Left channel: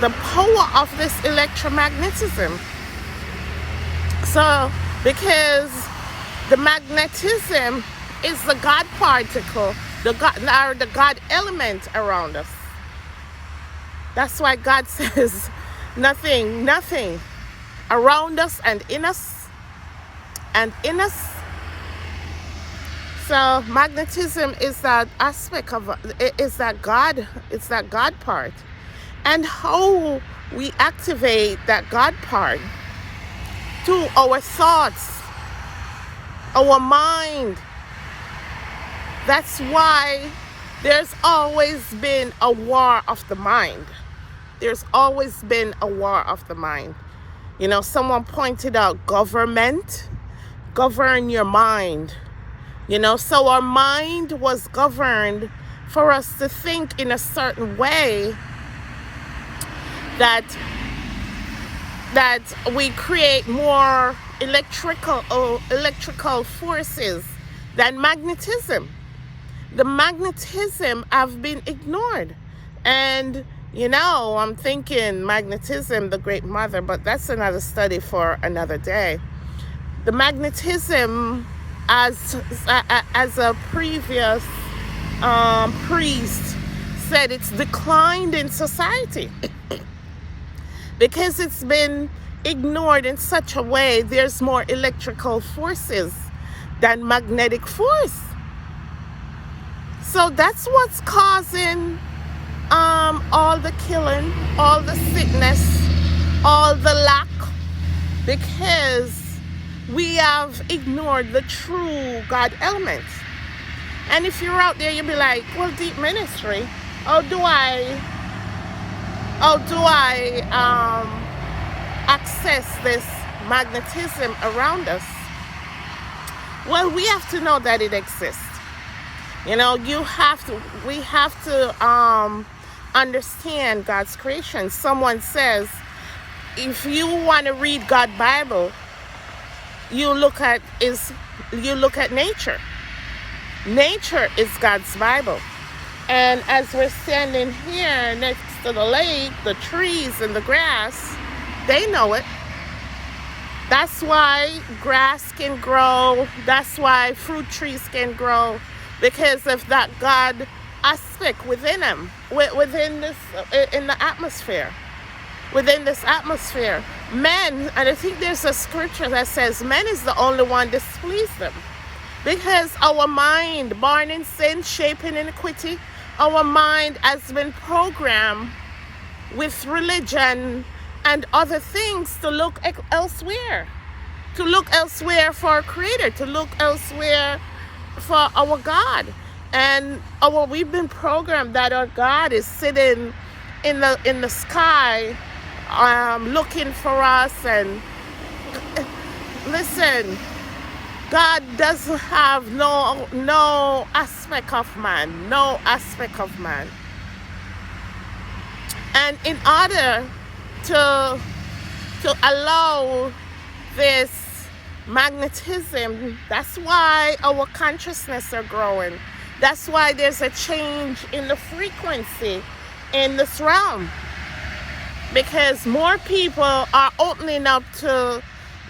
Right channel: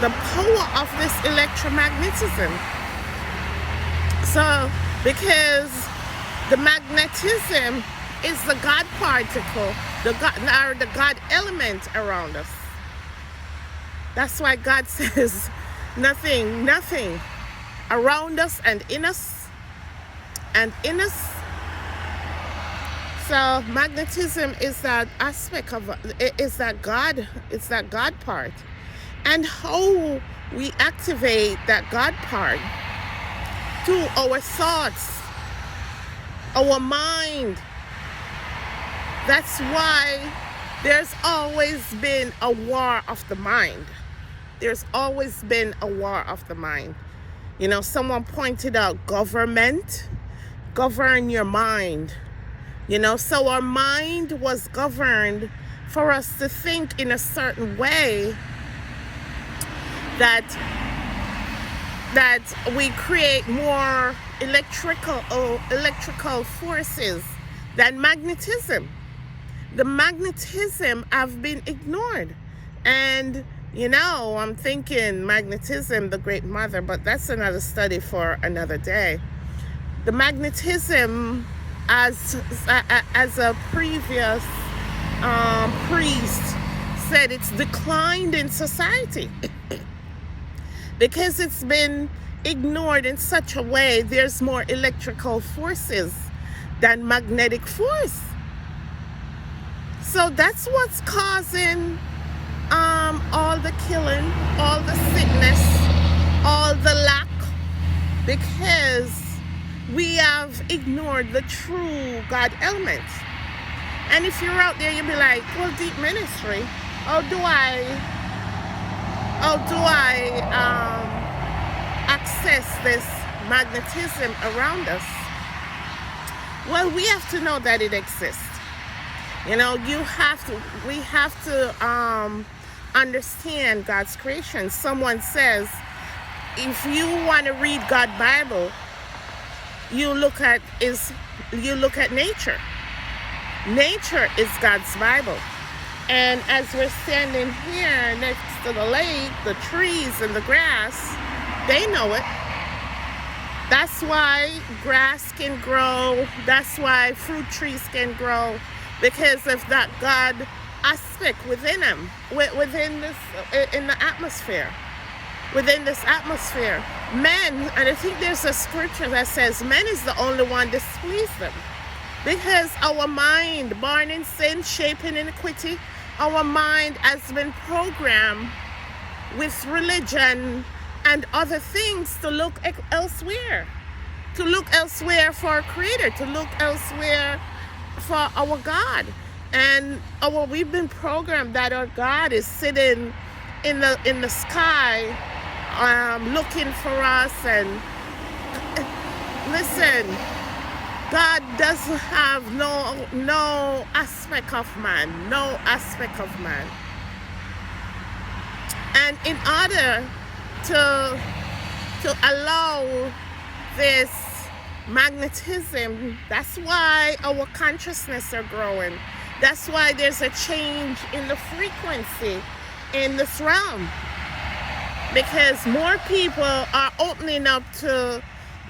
the power of this electromagnetism. So, because the magnetism is the God particle, the God element around us. That's why God says nothing around us and in us. So magnetism is that aspect of it's that God part. And how we activate that God part through our thoughts, our mind. That's why there's always been a war of the mind. There's always been a war of the mind. You know, someone pointed out govern your mind. You know, so our mind was governed for us to think in a certain way that we create more electrical forces than magnetism. The magnetism have been ignored. And, you know, I'm thinking magnetism, the great mother, but that's another study for another day. The magnetism, as a previous priest said, it's declined in society because it's been ignored in such a way. There's more electrical forces than magnetic force. So that's what's causing all the killing, all the sickness, all the lack, because we have ignored the true God element. And if you're out there, you'll be like, well, deep ministry, how do I access this magnetism around us? Well, we have to know that it exists. You know, we have to understand God's creation. Someone says, if you want to read God's Bible, you look at nature. Nature is God's Bible. And as we're standing here next to the lake, the trees and the grass, they know it. That's why grass can grow. That's why fruit trees can grow, because of that God aspect within them, within this, in the atmosphere. Within this atmosphere, men, and I think there's a scripture that says man is the only one displeased them, because our mind, born in sin, shaped in iniquity, our mind has been programmed with religion and other things to look elsewhere, for a creator, to look elsewhere for our God. And we've been programmed that our God is sitting in the sky, looking for us. And listen, God doesn't have no aspect of man, And in order to allow this magnetism, that's why our consciousness are growing. That's why there's a change in the frequency in this realm, because more people are opening up to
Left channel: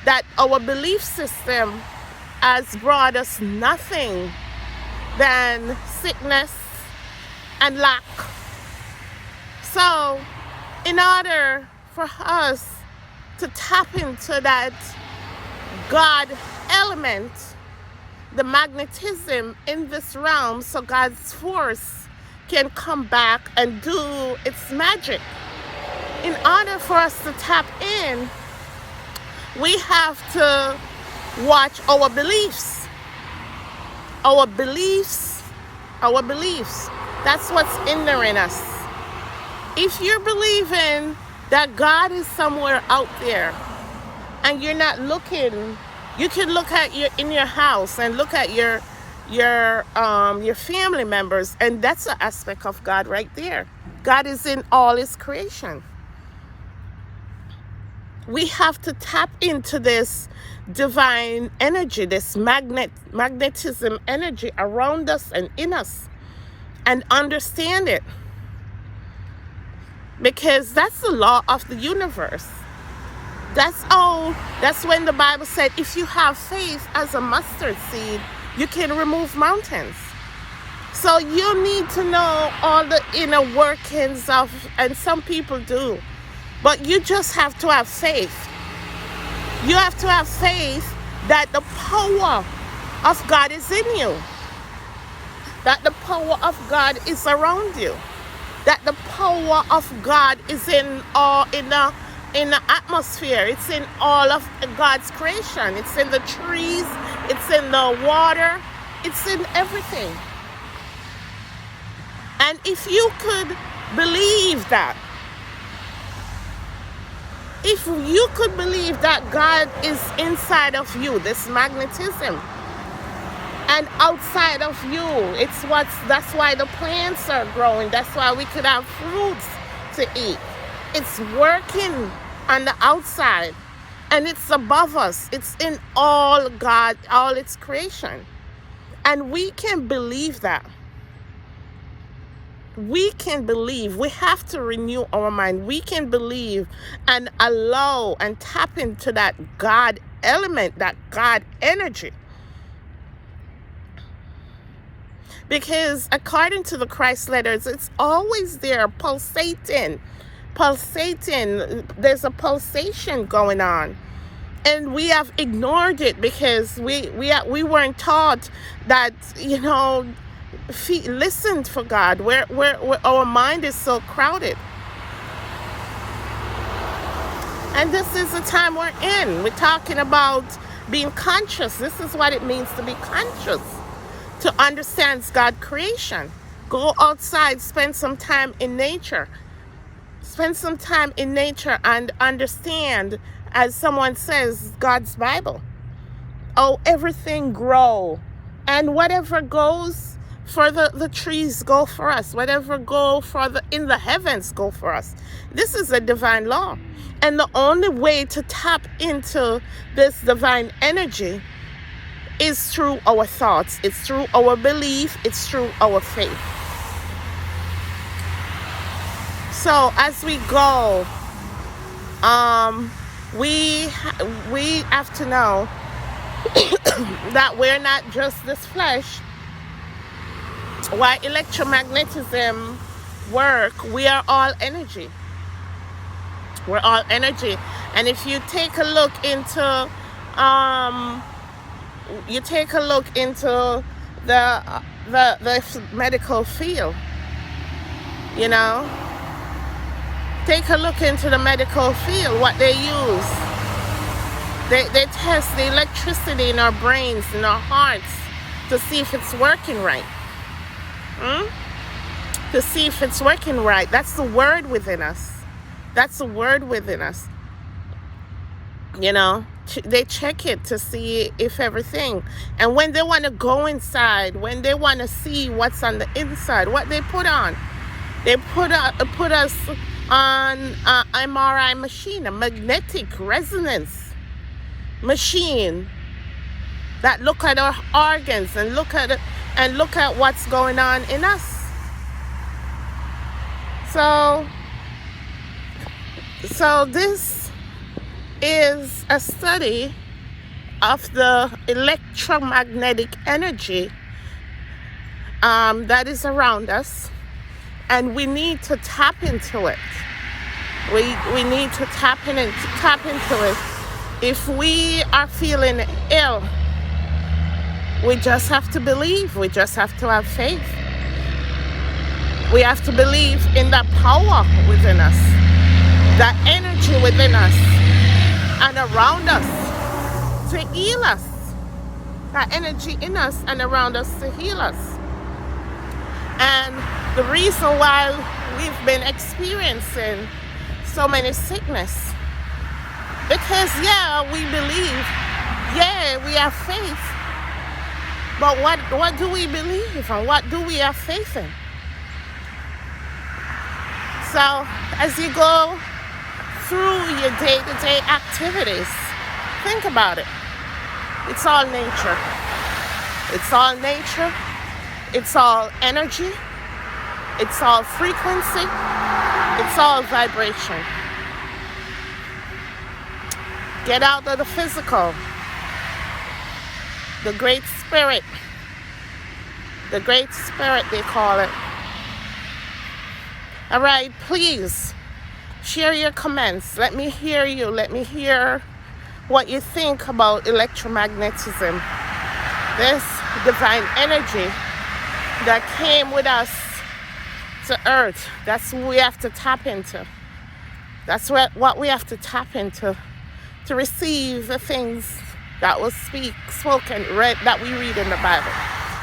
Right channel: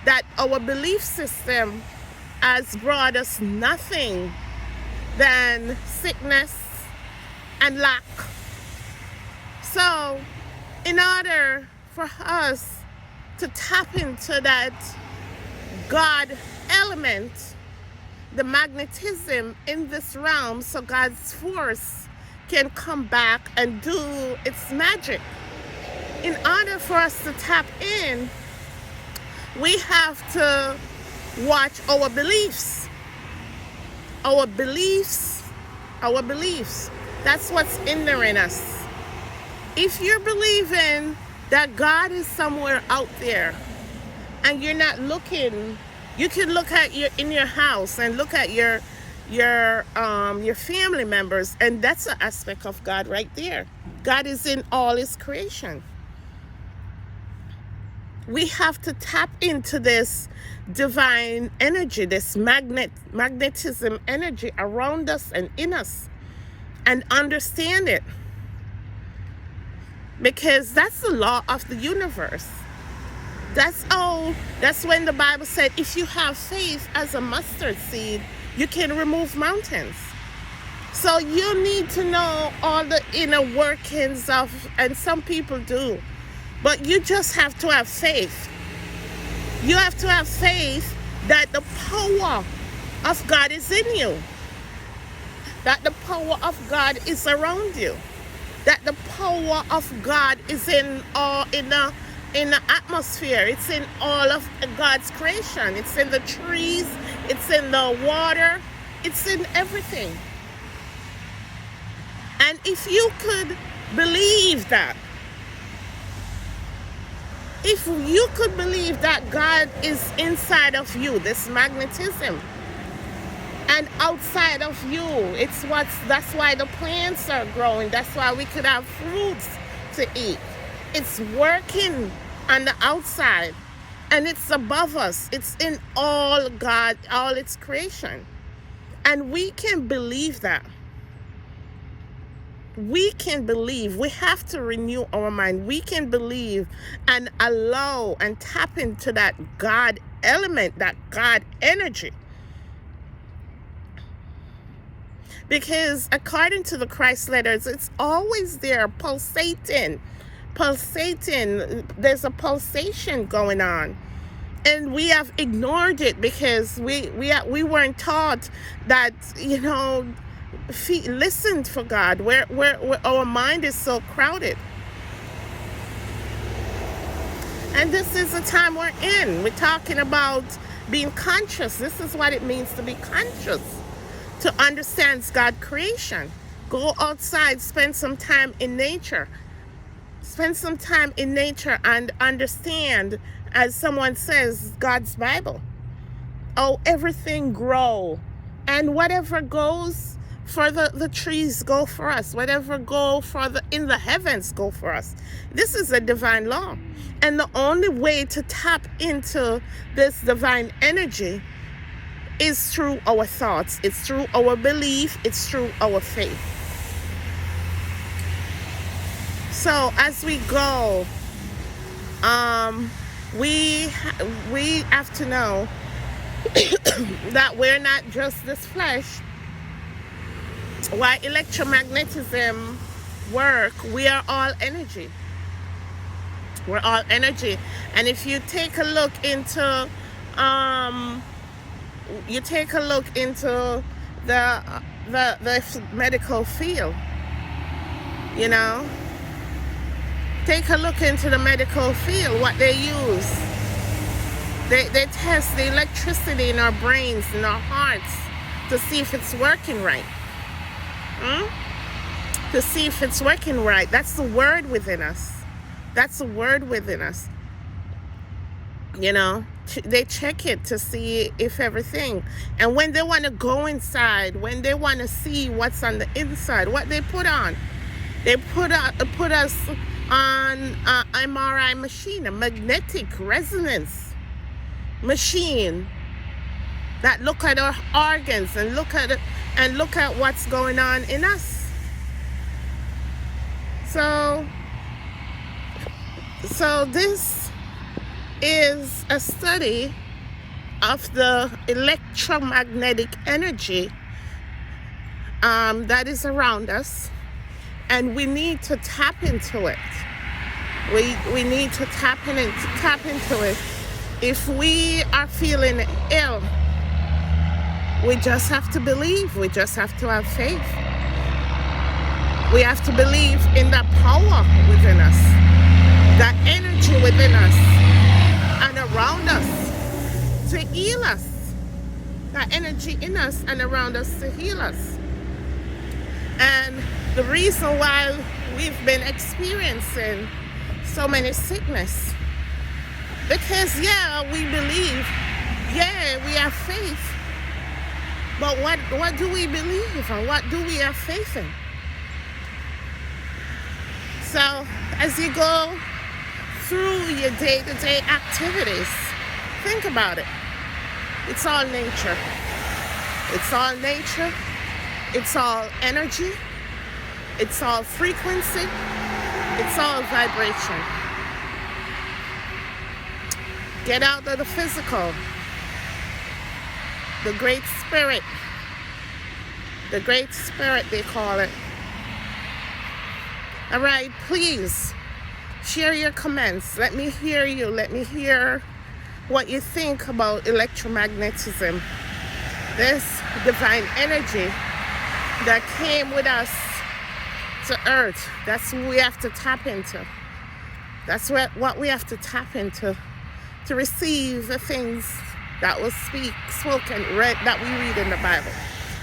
that. Our belief system has brought us nothing than sickness and lack. So in order for us to tap into that God element, the magnetism in this realm, so God's force can come back and do its magic. In order for us to tap in, we have to watch our beliefs. Our beliefs. That's what's hindering us. If you're believing that God is somewhere out there and you're not looking, you can look at in your house and look at your family members, and that's an aspect of God right there. God is in all his creation. We have to tap into this divine energy, this magnetism energy around us and in us, and understand it. because that's the law of the universe. That's when the Bible said, if you have faith as a mustard seed, you can remove mountains. So you need to know all the inner workings of, and some people do, but you just have to have faith. You have to have faith that the power of God is in you, that the power of God is around you, that the power of God is in the atmosphere. It's in all of God's creation. It's in the trees, it's in the water, it's in everything. And if you could believe that, if you could believe that God is inside of you, this magnetism, and outside of you, that's why the plants are growing. That's why we could have fruits to eat. It's working on the outside, and it's above us. It's in all God, all its creation. And we can believe that. We can believe. We have to renew our mind. We can believe and allow and tap into that God element, that God energy. Because according to the Christ letters, it's always there, pulsating. There's a pulsation going on. And we have ignored it because we weren't taught that, listen for God, where our mind is so crowded. And this is the time we're in. We're talking about being conscious. This is what it means to be conscious, to understand God's creation. Go outside, spend some time in nature. Spend some time in nature and understand, as someone says, God's Bible. Oh, everything grow. And whatever goes for the trees, go for us. Whatever go for in the heavens, go for us. This is a divine law. And the only way to tap into this divine energy is through our thoughts. It's through our belief. It's through our faith. So as we go, we have to know that we're not just this flesh. Why electromagnetism work? We are all energy. We're all energy. And if you take a look into the medical field, take a look into the medical field, what they use. They test the electricity in our brains, in our hearts, to see if it's working right. To see if it's working right. That's the word within us. That's the word within us. They check it to see if everything. And when they want to go inside, when they want to see what's on the inside, what they put on, they put us on an MRI machine, a magnetic resonance machine that look at our organs and look at what's going on in us. So this is a study of the electromagnetic energy that is around us, and we need to tap into it. We need to tap into it. If we are feeling ill, we just have to believe. We just have to have faith. We have to believe in that power within us, that energy within us and around us to heal us. That energy in us and around us to heal us. And the reason why we've been experiencing so many sickness, because we believe, we have faith, but what do we believe and what do we have faith in? So as you go through your day-to-day activities, think about it. It's all nature. It's all nature. It's all energy. It's all frequency. It's all vibration. Get out of the physical. The Great Spirit. The Great Spirit, they call it. All right, please share your comments. Let me hear you. Let me hear what you think about electromagnetism. This divine energy that came with us to Earth. That's what we have to tap into. That's what we have to tap into to receive the things that was spoken, read, that we read in the Bible.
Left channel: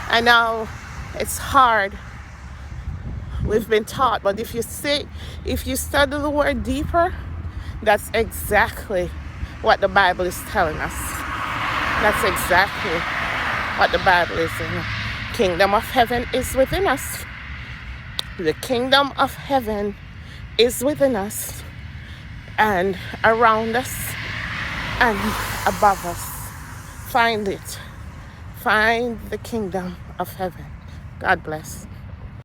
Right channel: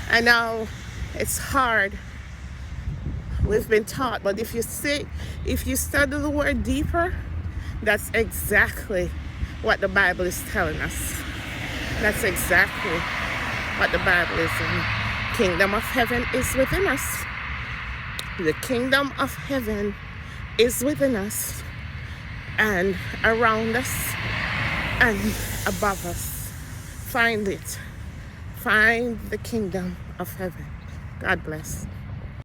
I know it's hard. We've been taught, but if you study the word deeper, that's exactly what the Bible is telling us. That's exactly what the Bible is saying. Kingdom of heaven is within us. The kingdom of heaven is within us and around us and above us. Find it. Find the kingdom of heaven. God bless.